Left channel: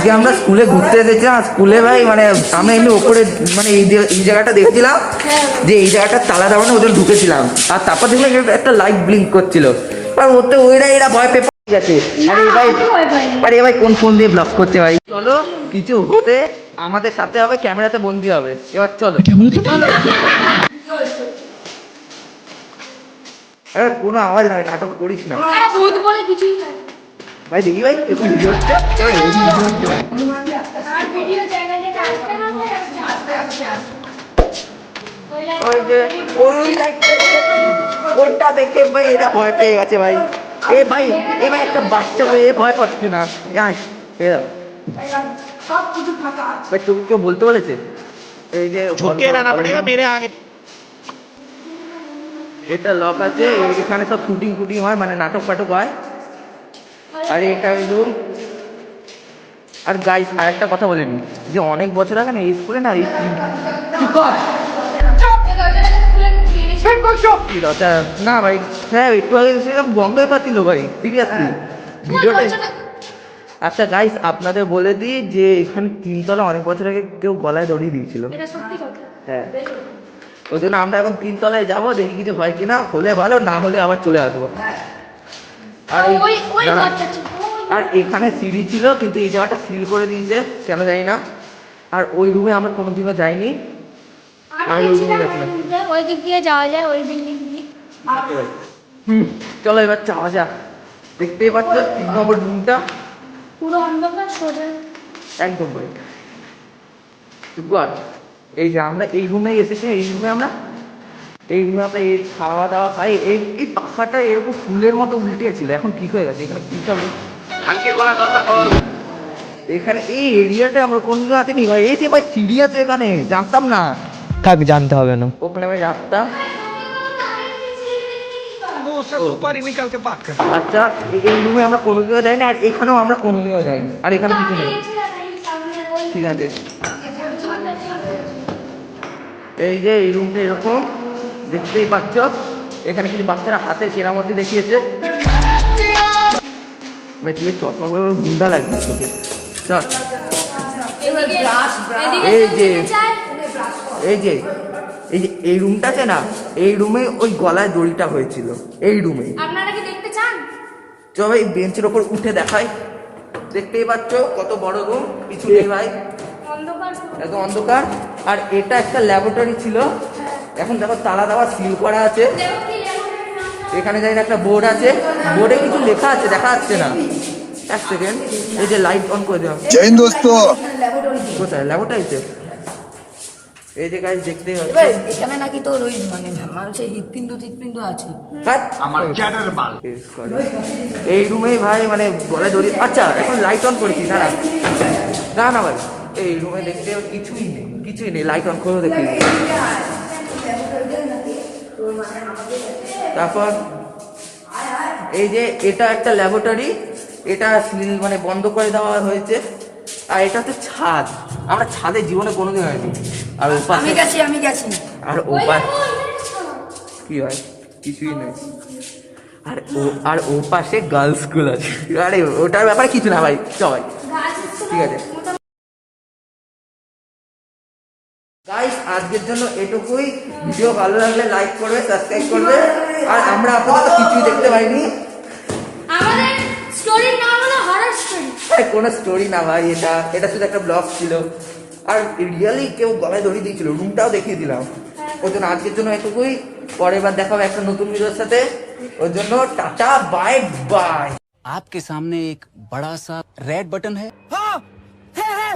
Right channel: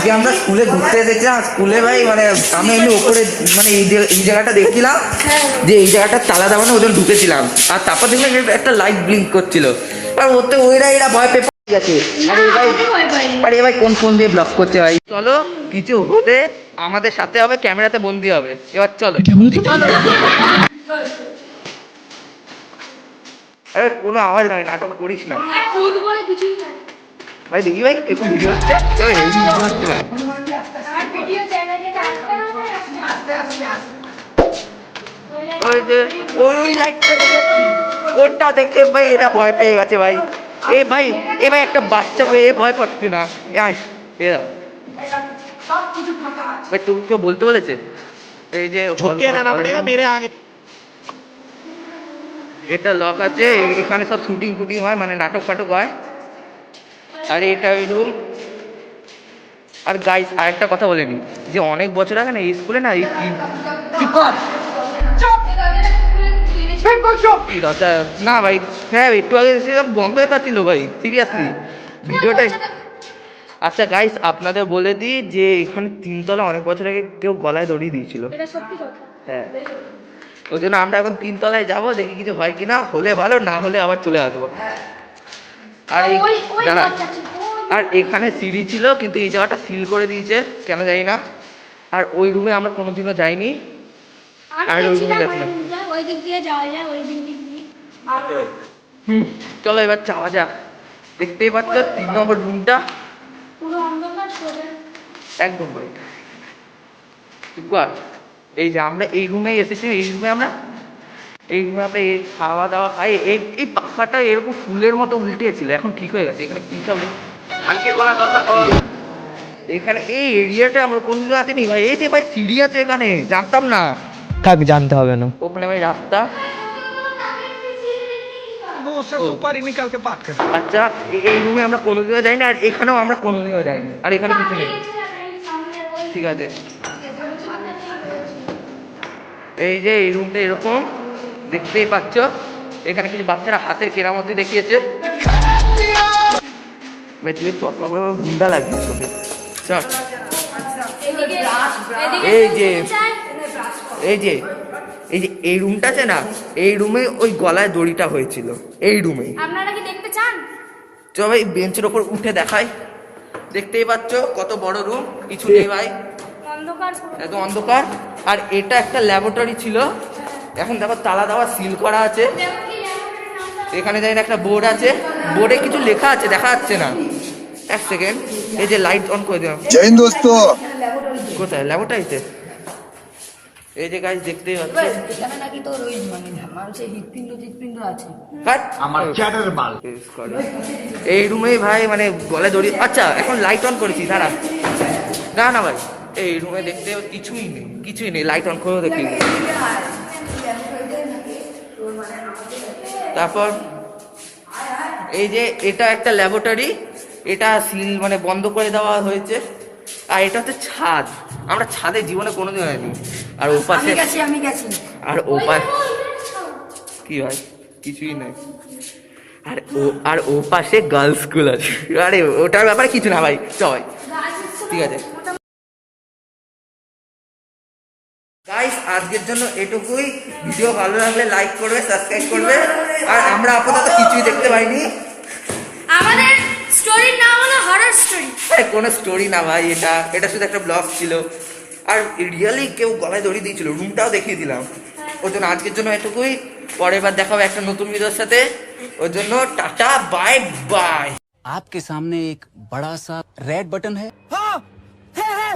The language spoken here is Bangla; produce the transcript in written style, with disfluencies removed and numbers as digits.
আজকে আমরা স্কুলে ঘুরতে এসেছিলাম। স্কুলে ভাই মানে আমরা এমনি ওপরে মানে এই জায়গাটা দেখছিলাম যে এই জায়গাটা তালা দেওয়া না, ওদের ঢুকেছিলাম। আর তারপর দেখলে একটা লাইট ব্লিঙ্ক করছিল, আর ওতে এরা ভয় পেয়ে গেছে। আরে ভাই কোন ফোন দিয়ে ব্লক করছে ভাই? চলো কিছু হলে আমাদের সাথে হবে, ক্যামেরাতে বন্দি হবে। এবার চলো কোনো আওয়াজ নাই, নাটক করিস না ভাই। দেখি ভাই কোনটা দেখতে পাই এরা ভয় পেয়ে গেছে ভাই। ভাই একটা বাচ্চা হয়ে ভয় পাচ্ছে না। ভাই তুমি কেউ বলতে বলেছে এই যে झुक रहना पड़ेगा मेरे आगे। এটা লক আছে, এখানে সব শুটিং ফুটিং হয়, মানে নাটক ফাটক হয়। আর এটা ওই রুম। আর গাইস আরেকটা কথা বলে নি যে অনেক বছর আগে না এই স্কুলে না না ভাই, বন্ধ হয়ে পাচ্ছিল ভাই, সিরিয়াসলি ভিডিওটা। আচ্ছা গাইস আপনাদের বলে দিই যে এখানে 3 তলা অনেক বছর আগে কেউ গলায় দড়ি দিয়েছিল। হ্যাঁ, ওই জন্য আমরা এখন 3 তলায় যাবো, দেখি কিছু হয় কিনা, হলে ভালো, না হলে আবার চলে আসবো। আর আর এখানে সিঁড়ি ছিল, কিন্তু এই জায়গাটা সিল করে দিয়েছে, কেন জানি না। আর ওই রুমে আমরা কোনোদিনও যাইনি। চলো এবার যাওয়া যাক। দেখতেই পাচ্ছ 3 নম্বর রুমটা পুরো অন্ধকার সোজা একদম ভাই। এই যে আমরা এই রুমে এসেছি, এই রুমে আমরা এই খাওয়া দাওয়া খাই। এই পাখাটা এরকম ফুলের মতো উল্টেছিল, এখন ঠিক হয়ে গেছে। এখানে কিছু নেই, হালকে করা কথা। এখানে এই এরিয়াটা আমার কোনদিনও আসেনি ভাই। এই যে ভাই সিঁড়ি আছে এখানে, জানতাম না। থাক জানতে হবে না। ওখানে ভাই রাস্তা। मुंह से ऊपर ही निकल के बात कर। আচ্ছা এই রুমে আমরা কোনোদিনও যাই না, আর এখানেও আমরা কোনোদিনও যাই। আর এখানে কিছু নেই। ঠিক আছে, এই যে এই রুমটা এরকম দেখতেই পাচ্ছ। এখানে কিছু বাচ্চারা হাতে কেরামতি দেখিয়েছে। এই রুমটা আছে না, এই রুমে ওই গলায় দড়িটা হয়েছিল, এই রুমে। আপনারা কি দেখতে চান? চল ভাই বেঞ্চের ওপর উঠে দেখাই। দেখতেই পাচ্ছ কত বড় রুম, কিছু নেই ভাই, অন্ধকার এত অন্ধকার। আর এটা একটা ল্যাবরেটরি ছিল, এখন দেখো তালা দেওয়া, সিল করা আছে। এখানে যাই না একটা বোর্ড আছে, বোর্ডে কিছু লেখা আছে, দেখা যাচ্ছে না। এক সেকেন্ড, এই যে লাইট অন করে দিলাম। জয় হিন্দ দোস্ত। কোথায় ল্যাবরেটরিতে? এই যে গাইস দেখতেই পাচ্ছ এখানে নাকি তোর ওই মানে মানুষের হৃৎপিণ্ড আছে। আমার চ্যাটার বাল। এই রুমে ভাই মানে গলায় দড়ি। আচ্ছা এখন লাইট অন করেছি, না না না ভাই, এই রুমে দেখতে কিছুই নেই, লাইট অন করে দেখি। তারপর এই যে এটা একটা ল্যাবরেটরি, এটা সিল মানে বন্ধ করে দেওয়া হয়েছে। আর এটা হচ্ছে ছাদ, আমরা ছাদে জীবনে কোনোদিন হয়নি। আর ও পাশে আমি গেছি আর ও পাশে কি ভাই, কিছুই নেই। আর ও পাশে গার্লস স্কুল আছে। আরে ওটার ব্যাপার কিছু না ভাই, চল ঠিক আছে। গাইস আজকের জন্য এটুকুই। ভিডিও ভালো লাগলে লাইক করবে, সাবস্ক্রাইব করবে। আর আমরা আপাতত কিছুই দেখতে পাইনি। আমাদের স্টোরি নাম হলো হরর স্টোরি। কোনো স্টোরি না ভাই, এটা শুধু একটা ব্লগ ছিল। আর রিয়েলি কেউ গলায় দড়ি দিয়েছিল, রুমটাও দেখিয়ে দিলাম। ওই জন্য আজকের জন্য এটুকুই। পরের বার দেখা হবে একটা নতুন ভিডিওর সাথে। ওই জন্য টাটা, বাই বাই। आपके सामने एक बड़ा सा रेड बटन है। हाँ, है।